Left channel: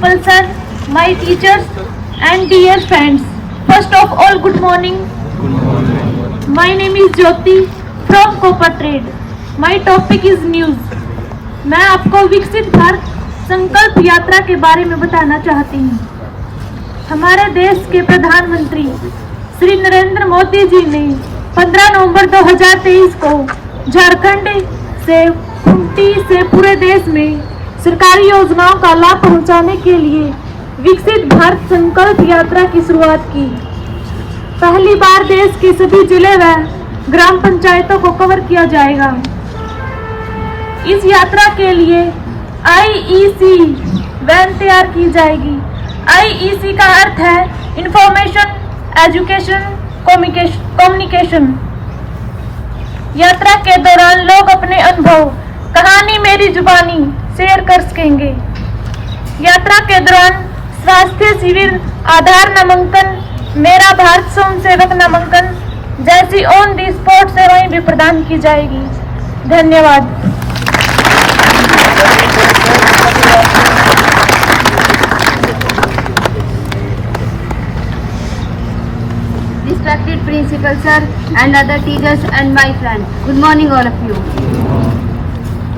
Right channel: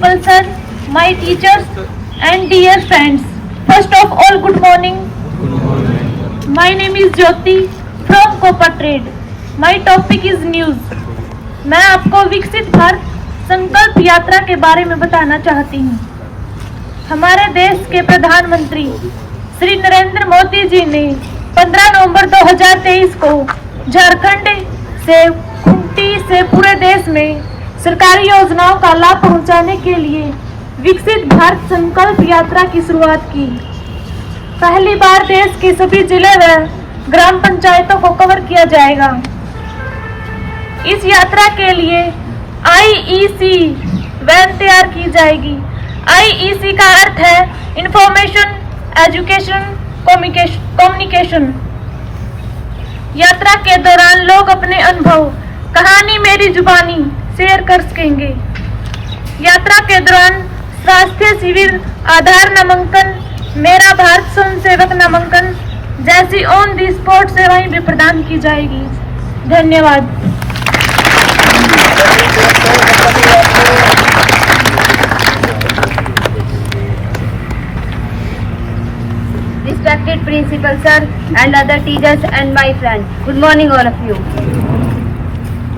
Sir, my teachers and dear friends. First of all, good morning. My name is Jyoti from Copa Trade. My topic is news. मैं आपको विकसित भारत संकल्प यात्रा के बारे में बताना चाहती हूँ। हमारे देश के प्रधानमंत्री श्री नरेंद्र मोदी जी ने 15 नवंबर 2023 को झारखंड से खूंटी से पूरे देश में सरकारी योजनाओं का लाभ पहुंचाने के लिए विकसित भारत संकल्प यात्रा की शुरुआत की। पहली बार देश के सभी जिले व ग्राम पंचायतों को कवर किया जाएगा। इस यात्रा के लिए IEC वैन तैयार की जाएगी। IEC का अर्थ है इंफॉर्मेशन, एजुकेशन, कम्युनिकेशन। यात्रा के दौरान लोग अपने अनुभव, कहानी मेरी जुबानी शेयर कर सकेंगे। यात्रा के दौरान स्वास्थ्य शिविर, आधार नामांकन, मेरा भारत स्वयंसेवक नामांकन जैसी ऑन दी स्पॉट सेवाएं भी प्रदान की जाएगी। धन्यवाद। Respected principal sir and other teachers and my friends, good morning all of you.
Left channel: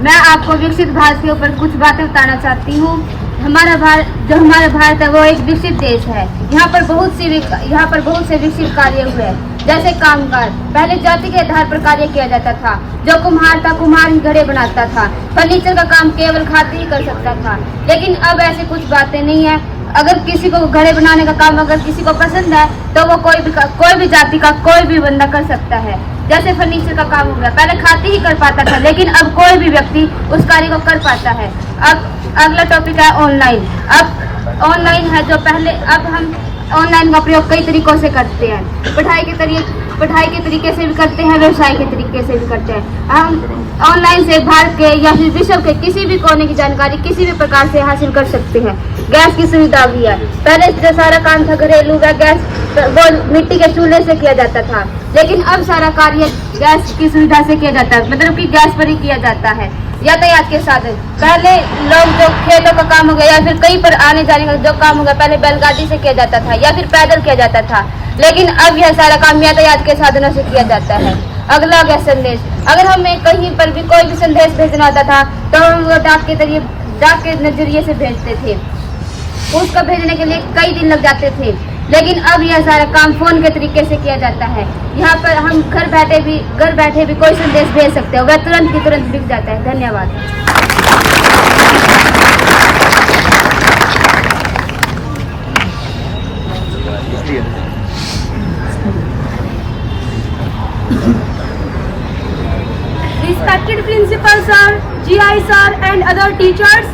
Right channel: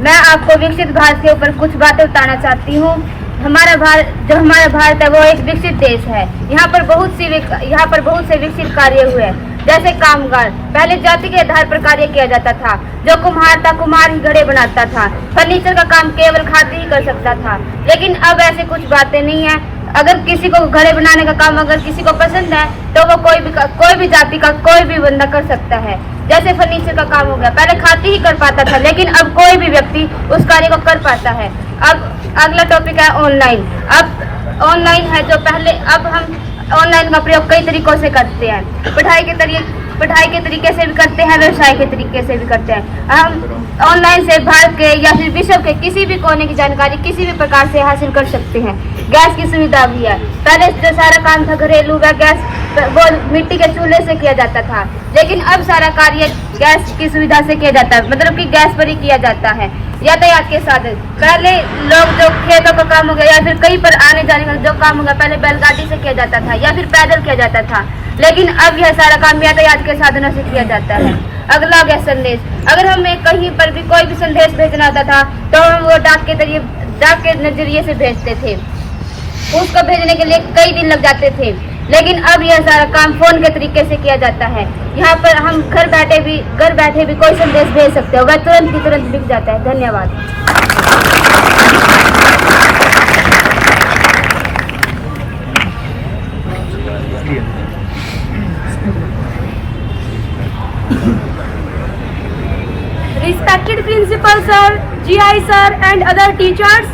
मैं आपको विकसित भारत के ऊपर कुछ बातें बताना चाहती हूँ। हमारा भारत है वो एक विकसित देश है। यहाँ पर बहुत से विकसित कार्य हुए, जैसे कामगार। पहले जाति के आधार पर कार्य किया जाता था। जो कुम्हार था, कुम्हार ही घड़े बनाता था। फर्नीचर का काम केवल खादी ही कर सकता था। लेकिन अब ऐसे कुछ बातें नहीं है। अगर किसी को घड़े बनाने का काम अगर किसी को पसंद है तो वो कोई भी जाति का कोई भी बंदा कर सकता है। जैसे फर्नीचर का काम हो गया, पहले खाती ही कर पाता था, लेकिन अब कोई भी व्यक्ति उस कार्य को कर पाता है। अब अगला टॉपिक है ऑनलाइन। अब ऑनलाइन है जो पहले, अब हम ऑनलाइन का प्रयोग कई तरीकों से करते हैं। पढ़ाई के तरीके से भी करते हैं, व्यवसाय के तरीके से भी करते हैं। हम ऑनलाइन से भारत के या फिर विश्व के किसी भी कोने की जानकारी किसी भी प्रकार से हासिल कर सकते हैं। गैस की सुविधा भी है। पहले जो सारा काम था घरेलू गैस वो मिट्टी के चूल्हे से किया जाता था, लेकिन अब सारा कार्य गैस की सुविधा से किया जाता है, मतलब कि गैस पर ही किया जाता है। यातायात के साधन, पहले लोग जो खेतों का काम हो गया या फिर कहीं पर आने जाने का जो काम होगा, पहले बैलगाड़ी से किया जाता था या फिर पैदल किया जाता था, लेकिन अब यह सारा काम यातायात के साधनों से किया जाता है। अगला गया संदेश। अगर हमें कहीं पर भी कोई भी संदेश भेजना होता था तो हम वो डाक के नजरिए से भेजते थे। उसको भेजने के लिए कई दिन लग जाते थे, लेकिन अब यह सारा काम फोन के तरीके से किया जाता है। यहाँ पर हम घर बैठे भी कोई संदेश भेज सकते हो, वह तुरंत की तुरंत बिक जाता है। धन्यवाद। Respected principal sir, GI sir and other teachers.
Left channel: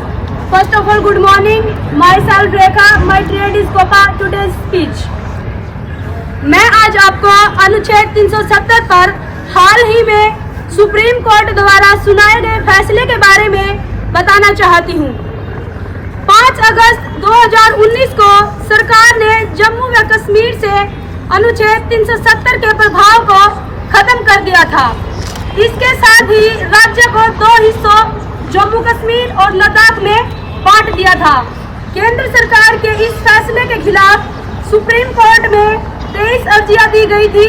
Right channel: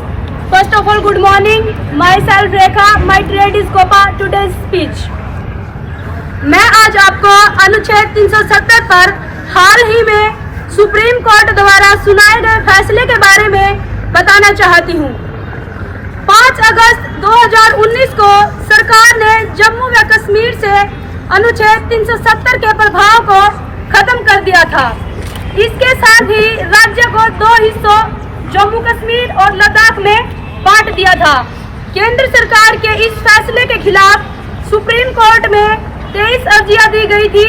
First of all, good morning. Myself Rekha. My trade is Copa. Today's speech. मैं आज आपको अनुच्छेद 370 पर हाल ही में सुप्रीम कोर्ट द्वारा सुनाए गए फैसले के बारे में बताना चाहती हूँ। 5 अगस्त 2019 को सरकार ने जम्मू व कश्मीर से अनुच्छेद 370 के प्रभाव को खत्म कर दिया था। इसके साथ ही राज्य को 2 हिस्सों जम्मू कश्मीर और लद्दाख में बांट दिया था। केंद्र सरकार के इस फैसले के खिलाफ सुप्रीम कोर्ट में 23 अर्जियां दी गई थी।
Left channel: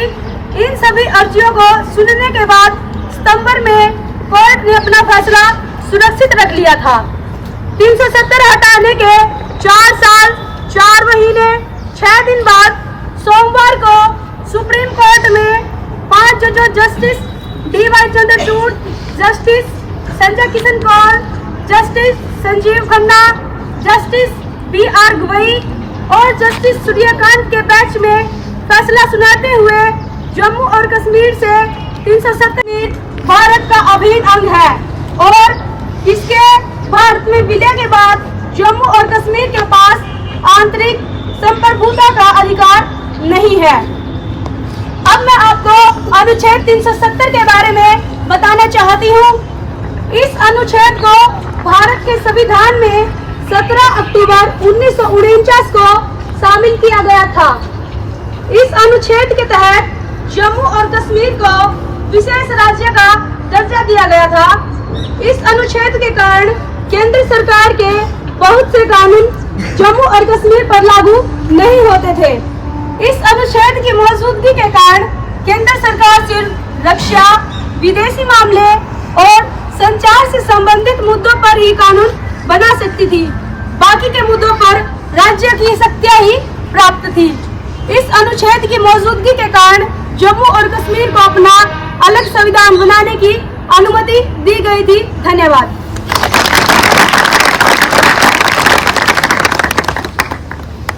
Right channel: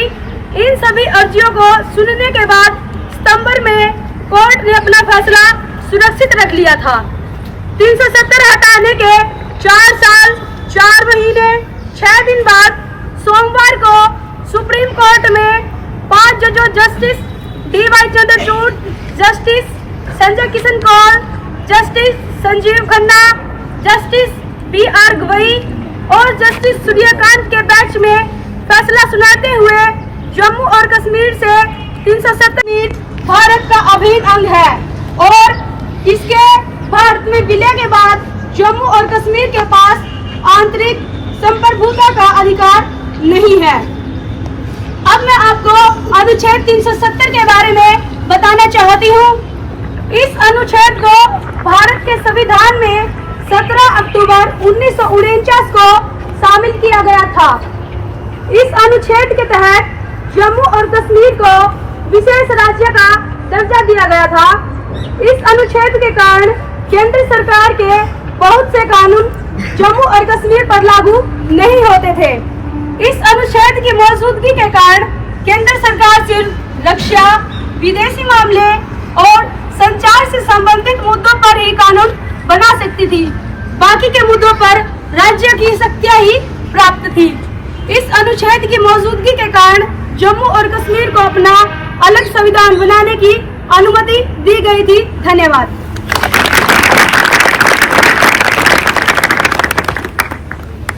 इन सभी अर्जियों को सुनने के बाद सितंबर में कोर्ट ने अपना फैसला सुरक्षित रख लिया था। 370 हटाने के 4 साल 4 महीने 6 दिन बाद सोमवार को सुप्रीम कोर्ट में 5 जजों justice DY Chandrachud, justice Sanjay Kishan Kaul, justice Sanjiv Khanna, justice BR Gavai और जस्टिस सूर्यकांत के बेंच में फैसला सुनाते हुए जम्मू और कश्मीर से 370 भारत का अभिन्न अंग है और इसके भारत में विलय के बाद जम्मू और कश्मीर के पास आंतरिक संप्रभुता का अधिकार नहीं है। अब मैं आपको अनुच्छेद 370 के बारे में बताना चाहती हूँ। इस अनुच्छेद को भारत के संविधान में 17 अक्टूबर 1949 को शामिल किया गया था। इस अनुच्छेद के तहत जम्मू और कश्मीर को विशेष राज्य का दर्जा दिया गया था। इस अनुच्छेद के कारण केंद्र सरकार के बहुत से कानून जम्मू और कश्मीर पर लागू नहीं होते थे। इस अनुच्छेद की मौजूदगी के कारण केंद्र सरकार सिर्फ रक्षा, विदेशी मामले और संचार से संबंधित मुद्दों पर ही कानून बना सकती थी। बाकी के मुद्दों पर राज्य की शक्तियां ही प्राप्त थी। इस अनुच्छेद की मौजूदगी के कारण जम्मू और कश्मीर को अपना अलग संविधान बनाने की अनुमति दी गई थी। धन्यवाद।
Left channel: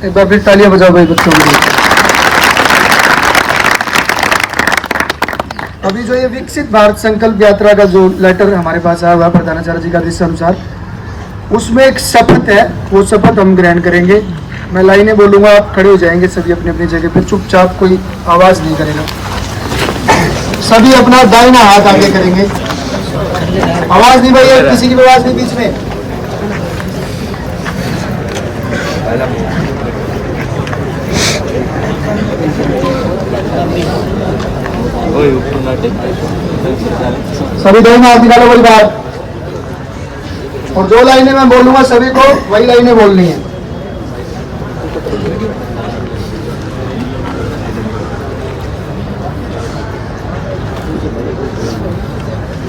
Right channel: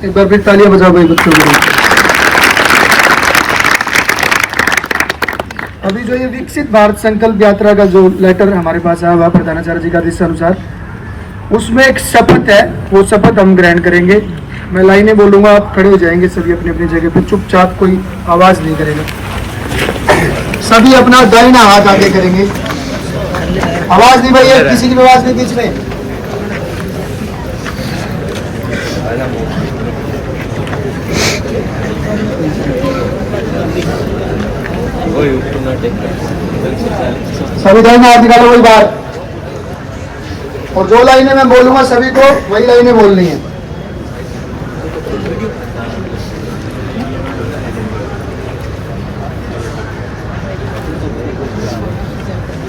एक बार फिर तालियां बजाओ भाई बच्चों के लिए। अभी जो ये विकसित भारत संकल्प यात्रा का जो लेटर हमारे पास आया हुआ है प्रधानाचार्य जी का आदेश अनुसार, उसमें एक शपथ है, वो शपथ हम ग्रहण करेंगे। मैं लाइनें बोलूंगा, आप खड़े हो जाएंगे सभी अपनी अपनी जगह पे, चुपचाप, कोई आवाज नहीं करेगा। सभी अपना दाहिना हाथ आगे करेंगे, आवाज नहीं भाई, किसी की आवाज नहीं बीच में। सभी दाहिने हाथ निकालो, वही बात। और जो लाइनें मैं बोलूंगा सभी को वही लाइनें बोलनी है।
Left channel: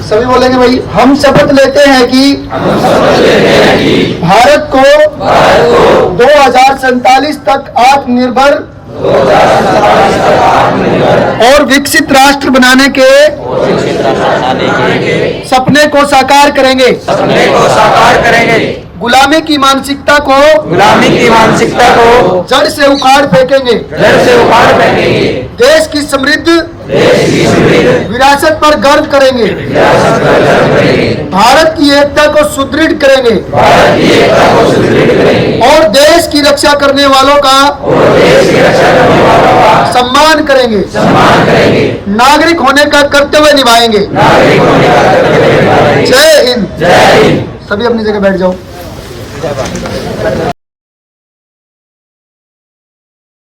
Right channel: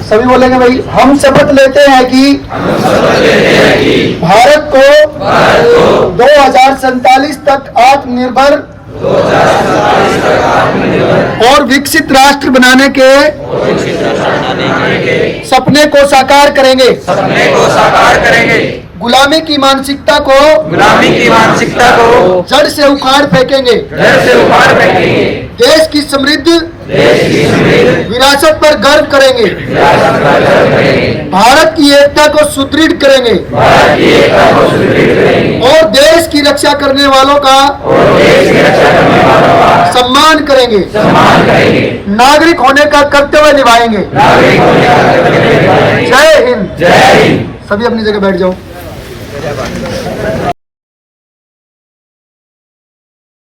सभी बोलेंगे भाई, हम शपथ लेते हैं कि भारत को 2047 तक आत्मनिर्भर और विकसित राष्ट्र बनाने के सपने को साकार करेंगे। गुलामी की मानसिकता को जड़ से उखाड़ फेंकेंगे। देश की समृद्ध विरासत पर गर्व करेंगे। भारत की एकता को सुदृढ़ करेंगे और देश की रक्षा करने वालों का सम्मान करेंगे। नागरिक होने का कर्तव्य निभाएंगे। जय हिंद। सभी अपनी जगह बैठ जाओ।